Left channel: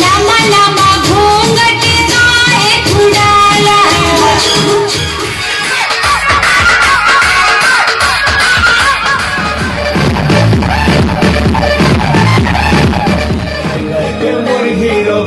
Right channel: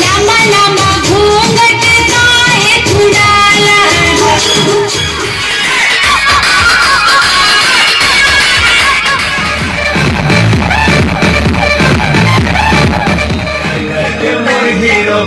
लामा लामा घूंघट काहे छुड़ाला हीरो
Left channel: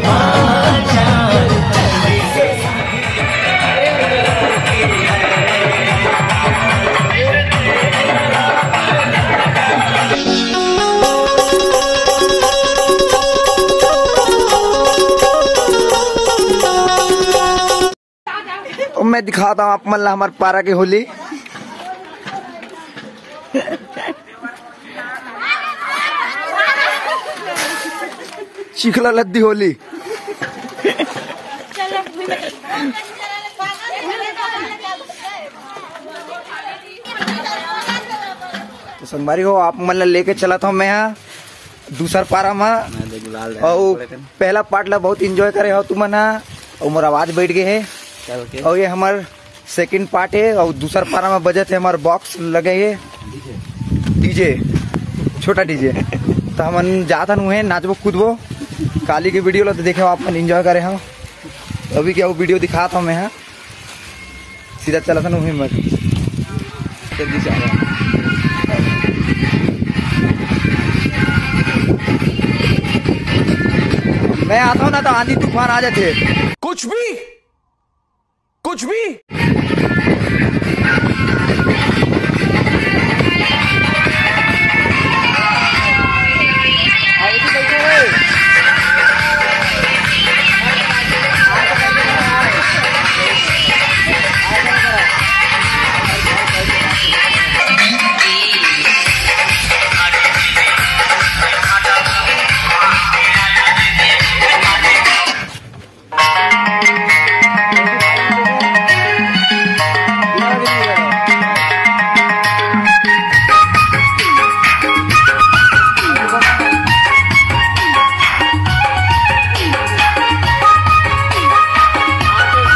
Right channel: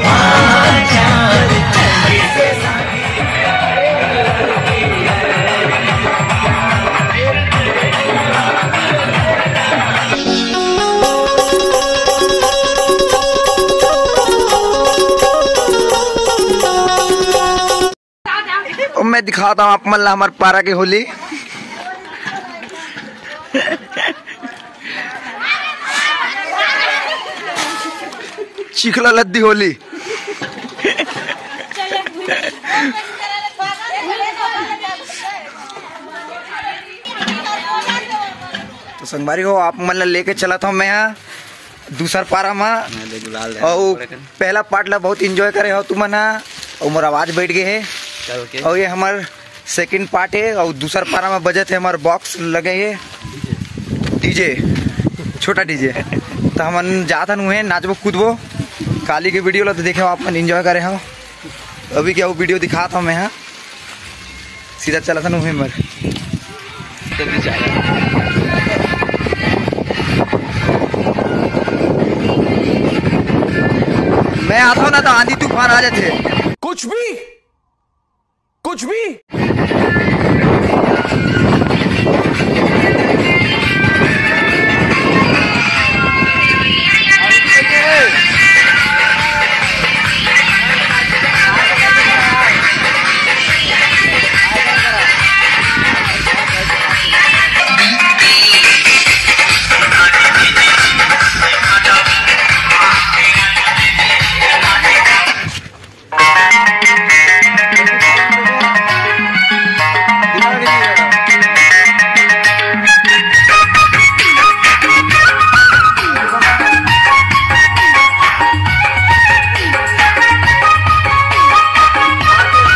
मैं दिखाता हूँ आप मल्ला हमारे पारा की होली। चिखला लद्दी होली। तो संगवारी हो आप मल्ला लेके चला था मैं यहाँ दूसरा पारा में और पहला पार्ट ला बहुत एंजॉय करे हो तुम ना और मोर आवाज बैठ गए है और ये हमार सेकंड पार्ट है और दूसरा पारा में बजे थे हमारे बॉक्स लगे है डीजे छोटा डीजे तो हम जाता नु है नाचबो कूदबो काली की वीडियो ला तो देखे आप मन एंजॉय करे हो अभी क्या वो वीडियो दिखा था मैं यहाँ सीधा चला था नु है मर मैं आता हूँ ना तो आंधी तूफान आ जाते कुछ भी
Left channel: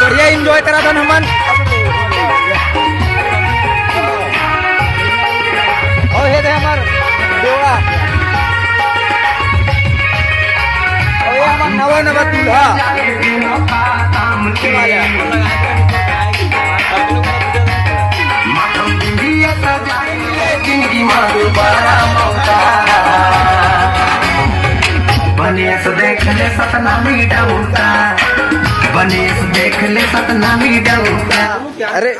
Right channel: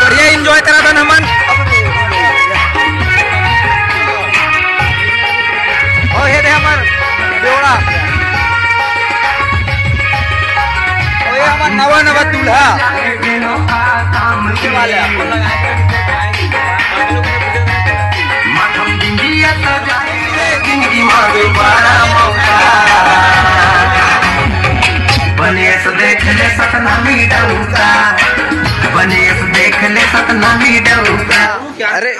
बढ़िया एंजॉय करा था नमन और ये थे हमार बेवड़ा और ये हमार नवा नवा दूल्हा वाले बने देख ले सतना मीडूगा बने देख ले सतना मीडूगा अरे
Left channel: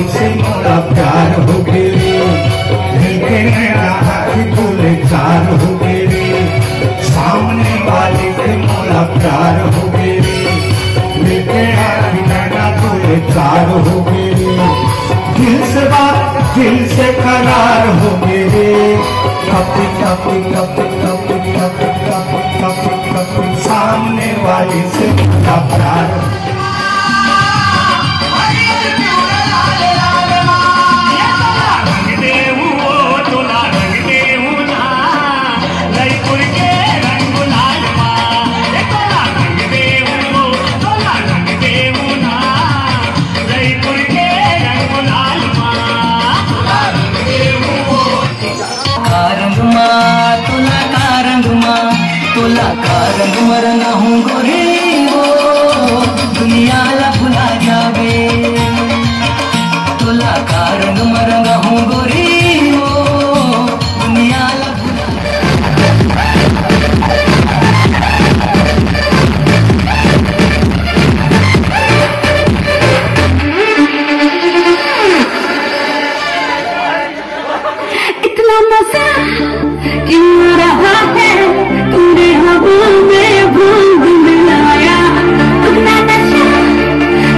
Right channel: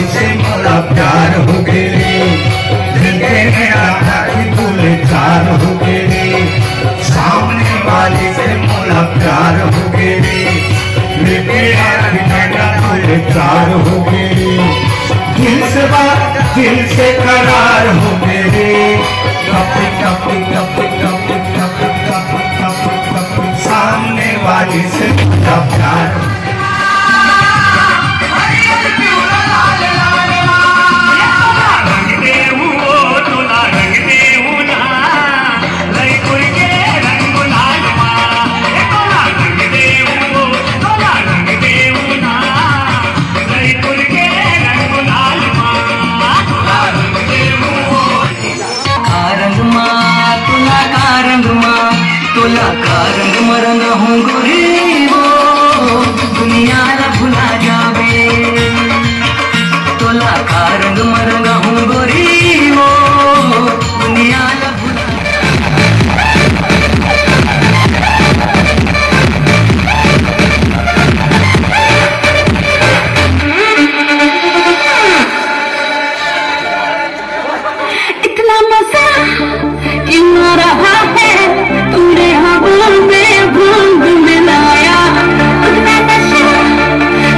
वाली से मोरा प्यार हो गए रे, दिल तेरा था कि तुले चार हो गए रे, सामने वाली से मोरा प्यार हो गए रे, दिल तेरा तुले चार हो गए रे, दिल से बात दिल से करार हो गए रे, टपी टपी टपी टपी टपी टपी टपी टपी सामने वाली से मोरा प्यार रंग मरंग हूँ गोरी वो दुनिया ला भुला जावे, तोला का रंग मरंग हूँ गोरी वो दुनिया ला भुला इतना मजा क्यों रहा है तुमने हवा में भूल मिलाया, इतना नशा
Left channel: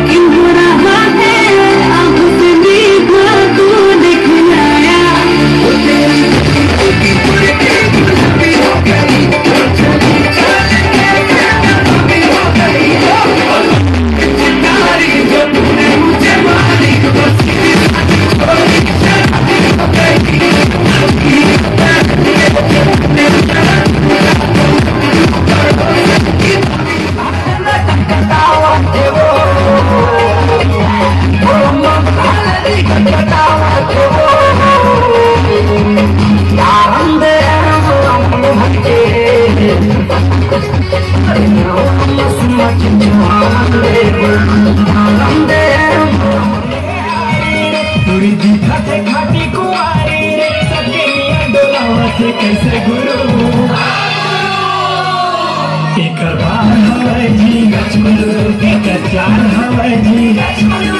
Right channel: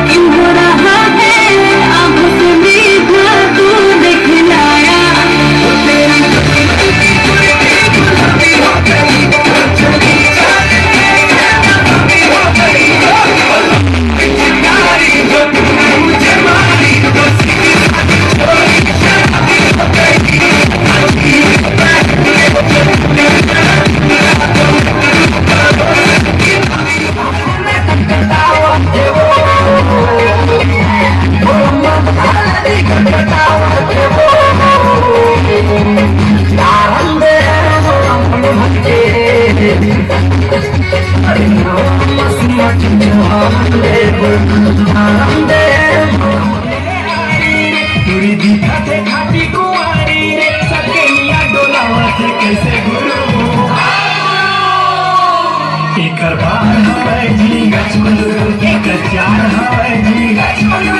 क्यों हो रहा है आंखों से भी तू दिखलाया। कैसे गुरु एक बार हवाई जी गचमनु, एक प्यार हवाई जी गचमनु,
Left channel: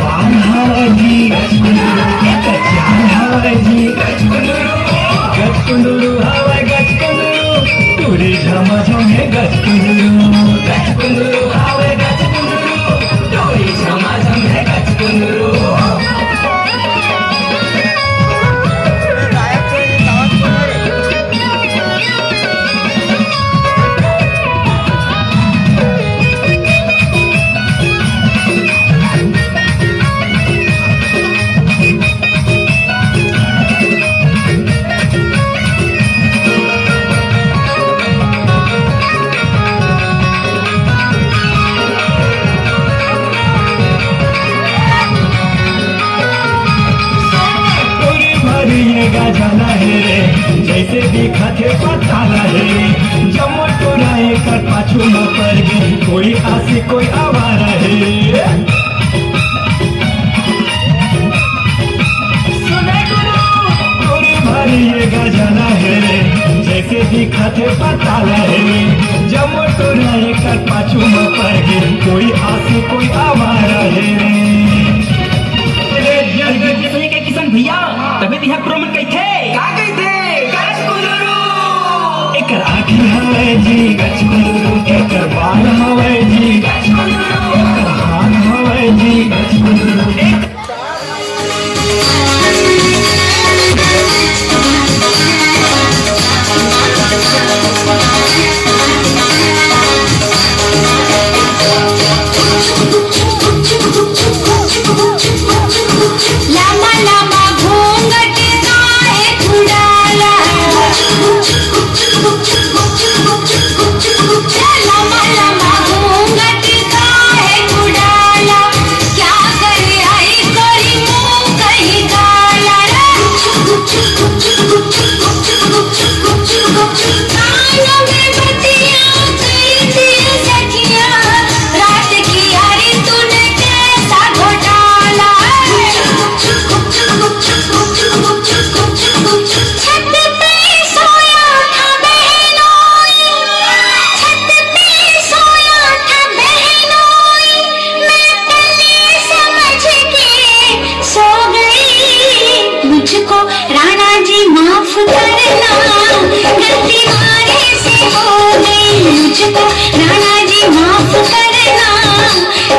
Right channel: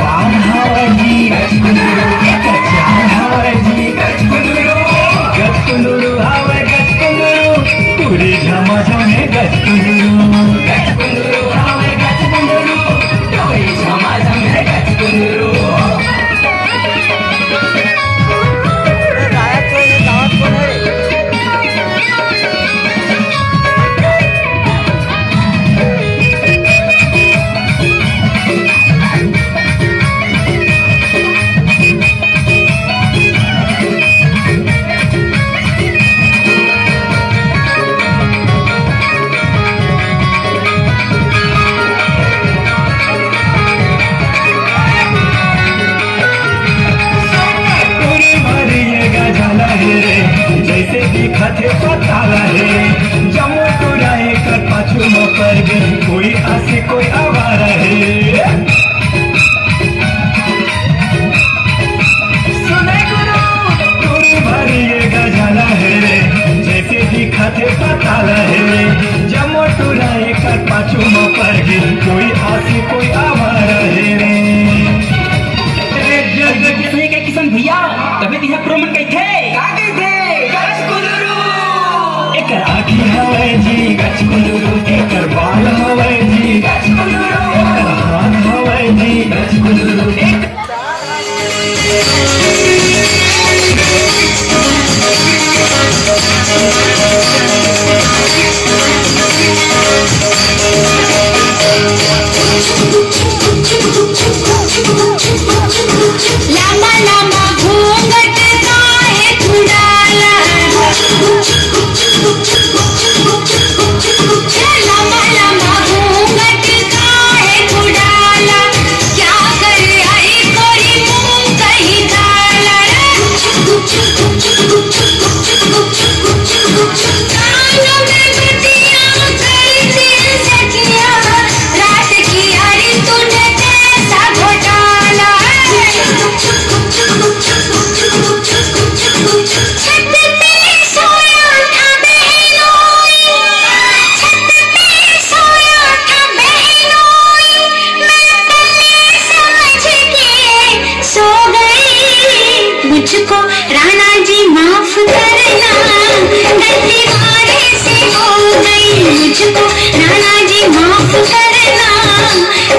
बार हवाई जी गचमनु, एक प्यार हवाई जी गचमनु, गचमनु हवाई गचमनु, पूरी झमाझमे गचमनु, गचमनु हवाई गचमनु, पूरी झमाझमे गचमनु। जैसे दिखते पता रहे जमो टोराए कर पाछू न पर गई कोई आसे कोई आवारा है, सुने गुरु तोरे भरी ये गजाना है रे, जैसे दिखते पता रहे जमो टोराए कर पाछू न पर गई कोई आसे कोई आवारा है रे। के किसान भैया तबे तिहा प्रोमन कहथे का कहथे एक आँखी हवाई जी गचमनु, एक बाल हवाई जी गचमनु, एक हाथ हवाई जी गचमनु, एक लामा लामा घूंघट गाए चुड़ाला, लामा लामा राणा जी माफ करना,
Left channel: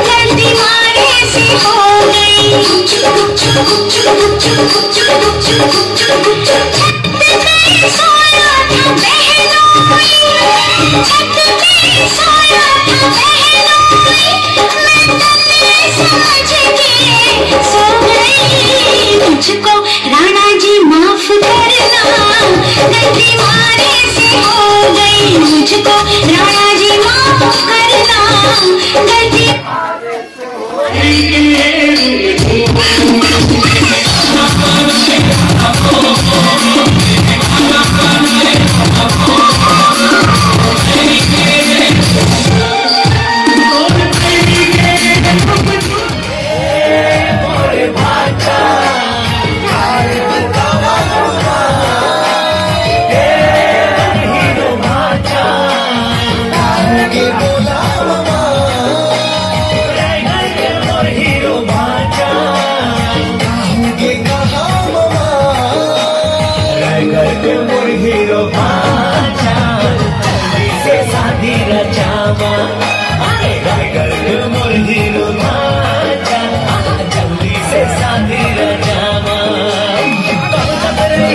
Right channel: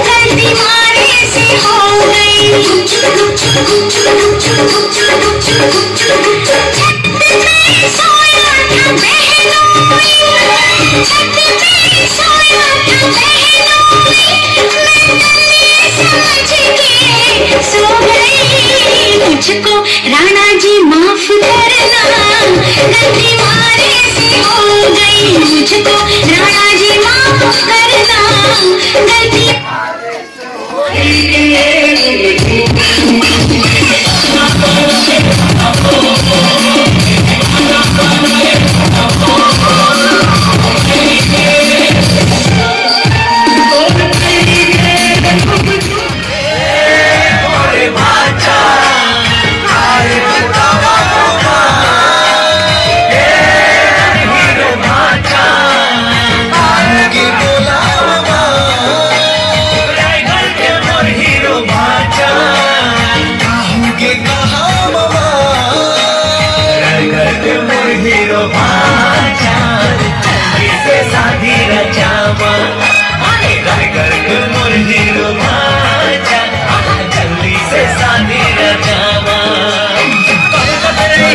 गलती मारे से हो गई। सोया था सो गई। मुझको राणा जी माफ करना, गलती मारे से हो गई। मुझको राणा जी माफ करना, गलती मारे से हो गई।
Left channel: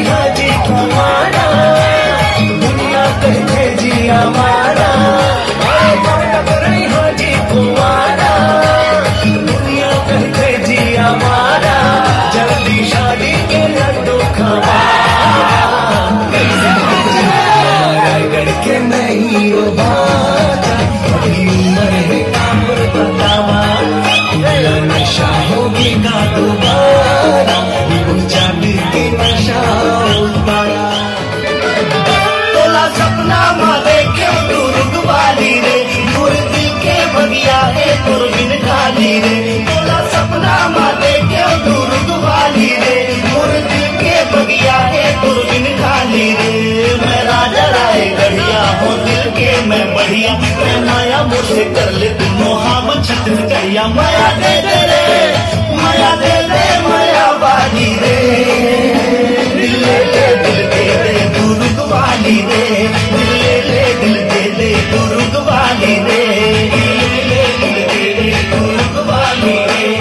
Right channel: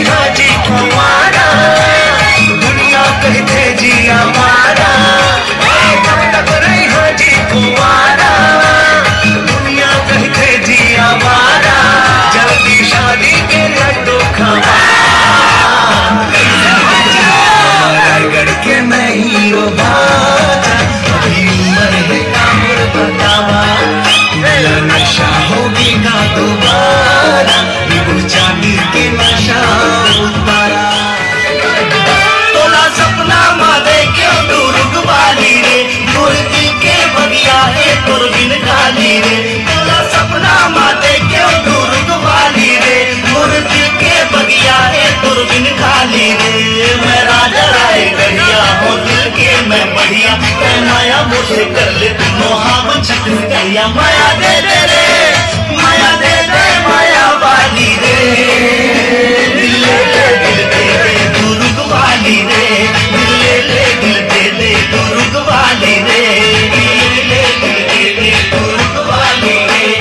हाजी हमारा दुनिया कहते जी हमारा, कब तक रही हाजी कुमारा, दुनिया कहते जी हमारा, जल्दी शादी के लड्डू खवा। रायगढ़ के मैं हीरो बाजा, अभी उम्र है कामुर बतावा, नशा होगी ना दोबारा, चांदी के नशा उतारा। तोला सपना माँ देखे दुर्ग वाली रे, मुर्गी के बगिया है तुरबिन खाली रे। तोला सपना माँ देखे दुर्ग वाली रे, मुर्गी के बगिया है तुरबिन खाली रे। मैं राजा राय गढ़िया हो दिल के मैं बढ़िया, मैं माया मुझे कर ले तीनों हम छठ गैया। माया दे दे रे, माया दे दे माया वाली रे, दिल ले ले दिल दे दे दुर्ग वाली रे, दिल ले ले दिल दे दे दुर्ग वाली रे, दिल ले ले दिल दे दे दुर्ग वाली रे।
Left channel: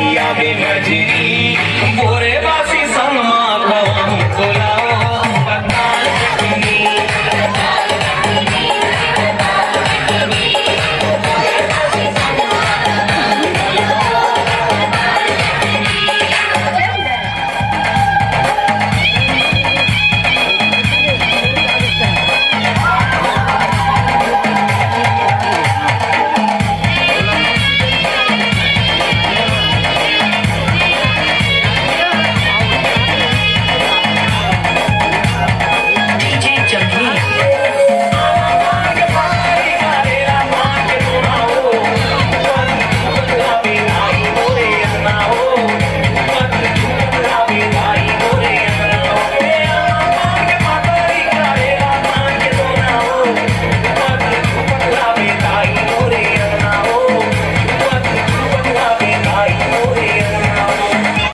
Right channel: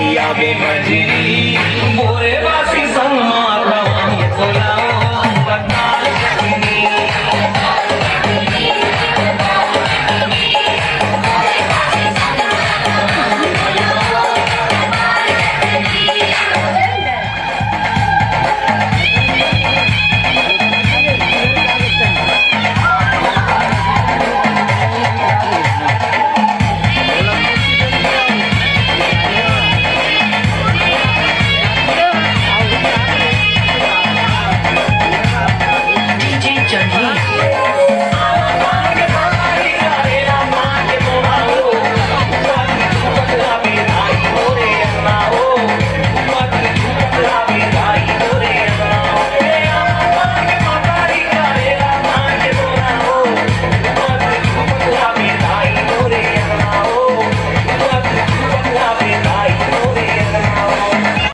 आई आवे मजनी बोरे बास